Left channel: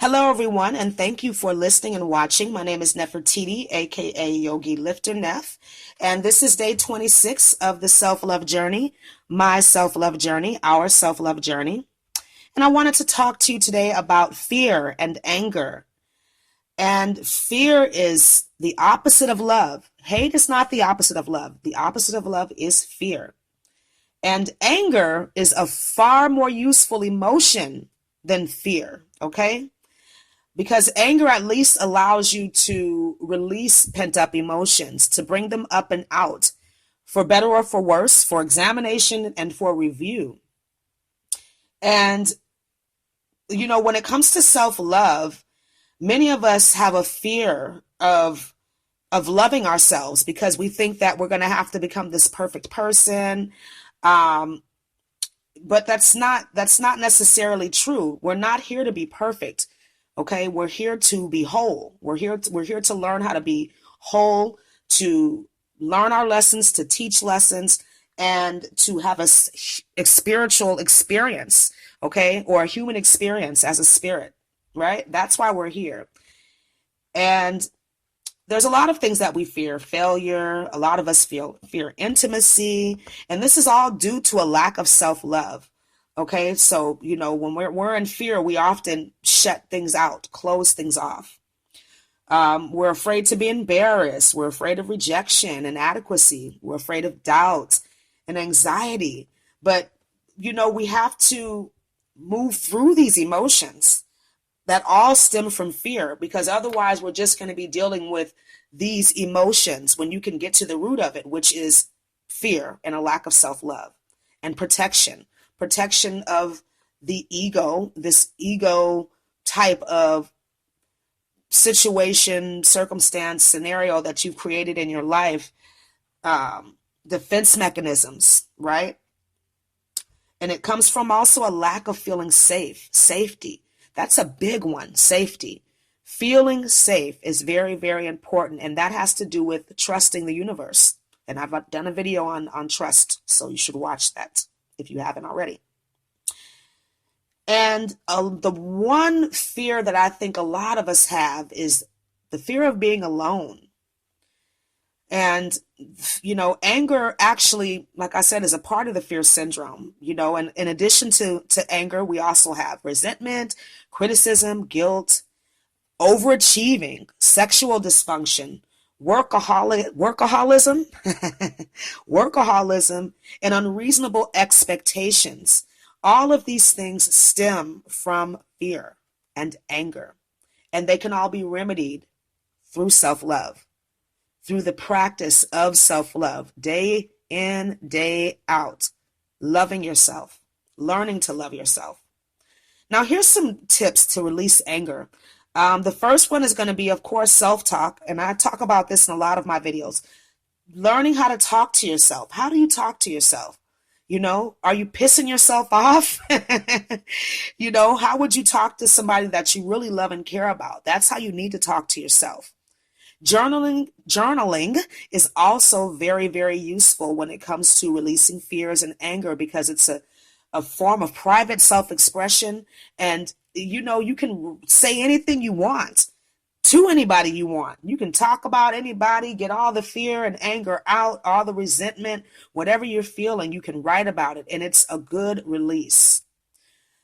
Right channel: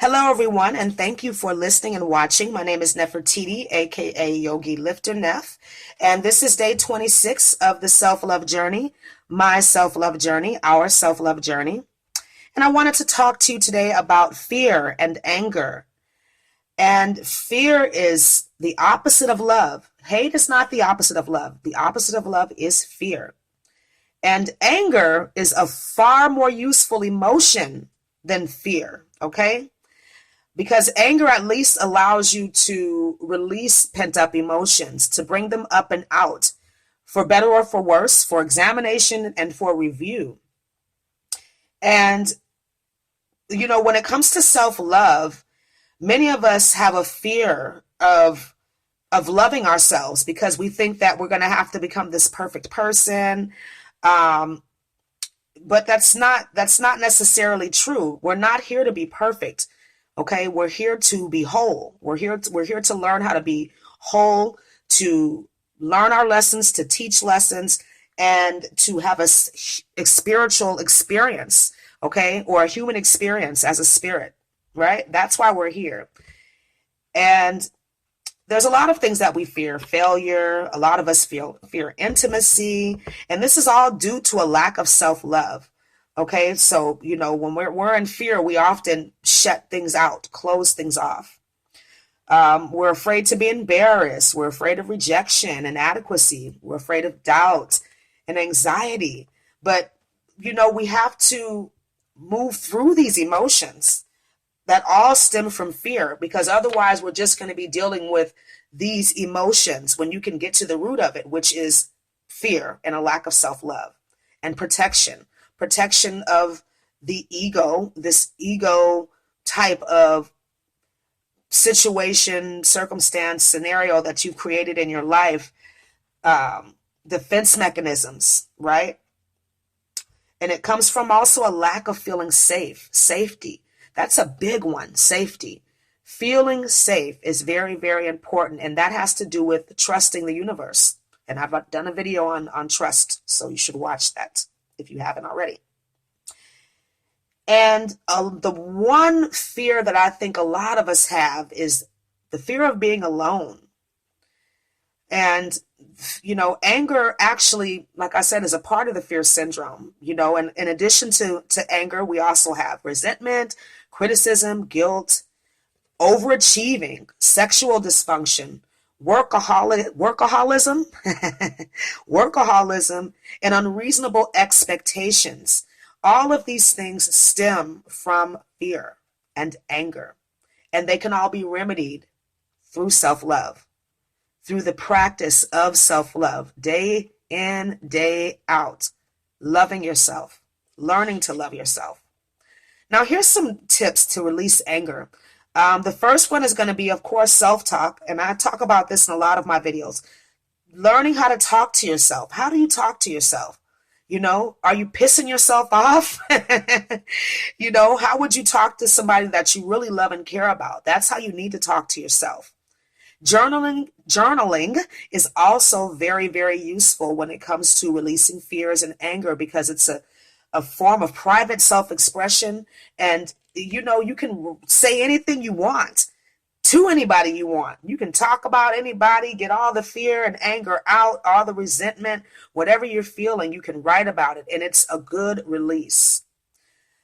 Hello, everyone, and thank you for listening and watching. My name is Nefertiti, aka Yogi Lifter Nef, and this is day 26 of the self-love journey, my self-love journey, our self-love journey. And I wanted to talk to you today about fear and anger. And fear is the opposite of love. Hate is not the opposite of love. The opposite of love is fear. And anger is a far more useful emotion than fear, okay? Because anger at least allows you to release pent up emotions, to bring them up and out, for better or for worse, for examination and for review. And, when it comes to self love, many of us have a fear of loving ourselves because we think that we're going to have to become this perfect person. Um, but that's not necessarily true. We're not here to be perfect. Okay, we're here to be whole. We're here to learn how to be whole, to learn our lessons, to teach lessons, and to have a spiritual experience, okay, or a human experience as a spirit, right? That's why we're here. And there's a lot of things that we fear: failure. A lot of us fear intimacy, and this is all due to a lack of self-love. Okay, so when we're in fear, we often shut things out, close things off. We're afraid to be embarrassed. We're afraid of rejection, inadequacy. We're afraid of doubt and anxiety. But we have to move through these emotions that all stem from fear, because otherwise we're just going to be dealing with these emotions when you can get to the root of it, which is fear and a lack of self-love and protection of the ego, this ego type of situation, circumstance, scenario that you've created in your life, defense mechanisms, right? And it comes from also a lack of feeling safe, safety. That's a big one, safety. Feeling safe is very, very important, and that has to do with trusting the universe. And I've done a video on trust, so you should watch that if you haven't already. And the one fear that I think a lot of us have is the fear of being alone. And, anger actually, like I said, is a part of the fear syndrome, and in addition to anger, we also have resentment, criticism, guilt, overachieving, sexual dysfunction, workaholism, workaholism, and unreasonable expectations. All of these things stem from fear and anger, and they can all be remedied through self-love, through the practice of self-love, day in, day out, loving yourself, learning to love yourself. Now, here's some tips to release anger. The first one is going to be, of course, self-talk, and I talk about this in a lot of my videos. Learning how to talk to yourself. How do you talk to yourself? Are you pissing yourself off? How would you talk to somebody that you really love and care about? That's how you need to talk to yourself. Journaling is also very, very useful when it comes to releasing fears and anger, because it's a form of private self-expression. And, you can say anything you want to anybody you want. You can talk about anybody, get all the fear and anger out, all the resentment, whatever you're feeling, you can write about it, and it's a good release.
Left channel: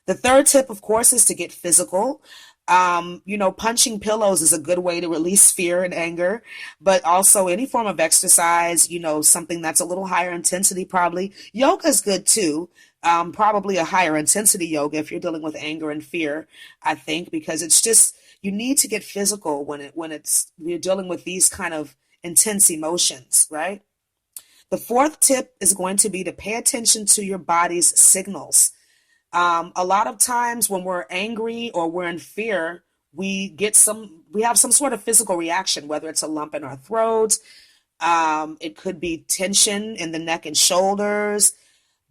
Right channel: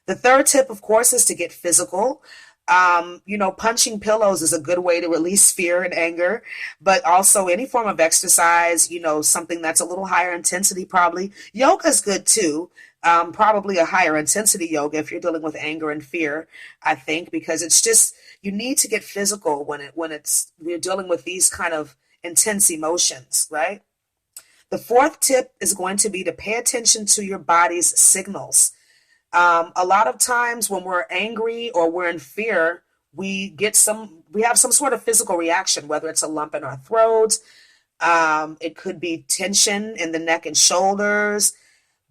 The third tip, of course, is to get physical. Punching pillows is a good way to release fear and anger, but also any form of exercise, something that's a little higher intensity, probably. Yoga is good too. Probably a higher intensity yoga if you're dealing with anger and fear, I think, because it's just, you need to get physical when we're dealing with these kind of intense emotions, right? The fourth tip is going to be to pay attention to your body's signals. A lot of times when we're angry or we're in fear, we have some sort of physical reaction, whether it's a lump in our throat, it could be tension in the neck and shoulders,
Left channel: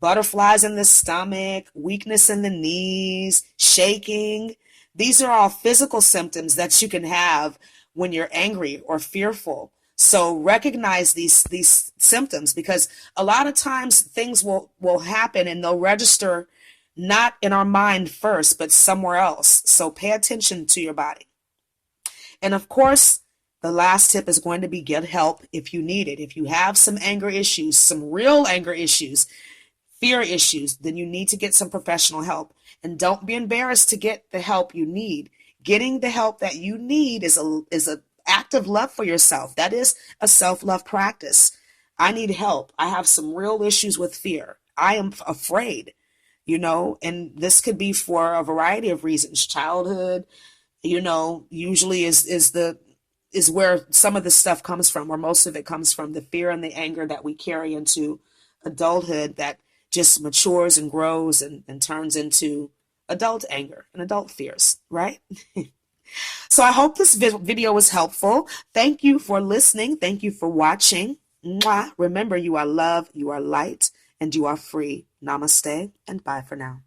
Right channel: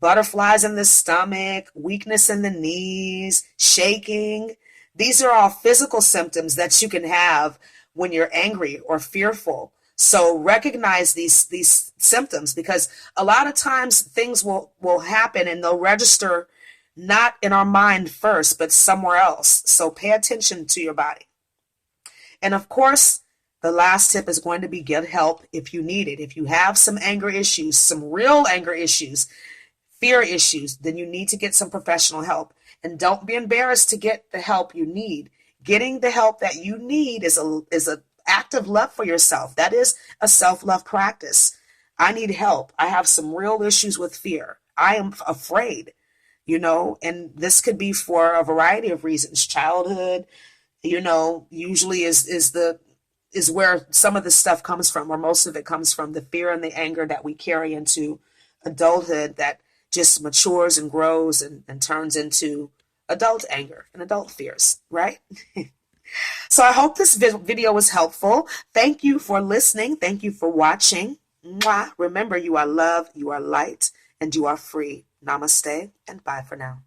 butterflies in the stomach, weakness in the knees, shaking. These are all physical symptoms that you can have when you're angry or fearful. So recognize these symptoms, because a lot of times things will happen and they'll register not in our mind first, but somewhere else. So pay attention to your body. And of course, the last tip is going to be get help if you need it. If you have some anger issues, some real anger issues, fear issues, then you need to get some professional help. And don't be embarrassed to get the help you need. Getting the help that you need is a act of love for yourself. That is a self-love practice. I need help. I have some real issues with fear. I am afraid, and this could be for a variety of reasons. Childhood, usually is where some of the stuff comes from, or most of it comes from, the fear and the anger that we carry into adulthood that just matures and grows and turns into adult anger and adult fears, right? So I hope this video was helpful. Thank you for listening. Thank you for watching. Mwah. Remember, you are love, you are light, and you are free. Namaste, and bye for now.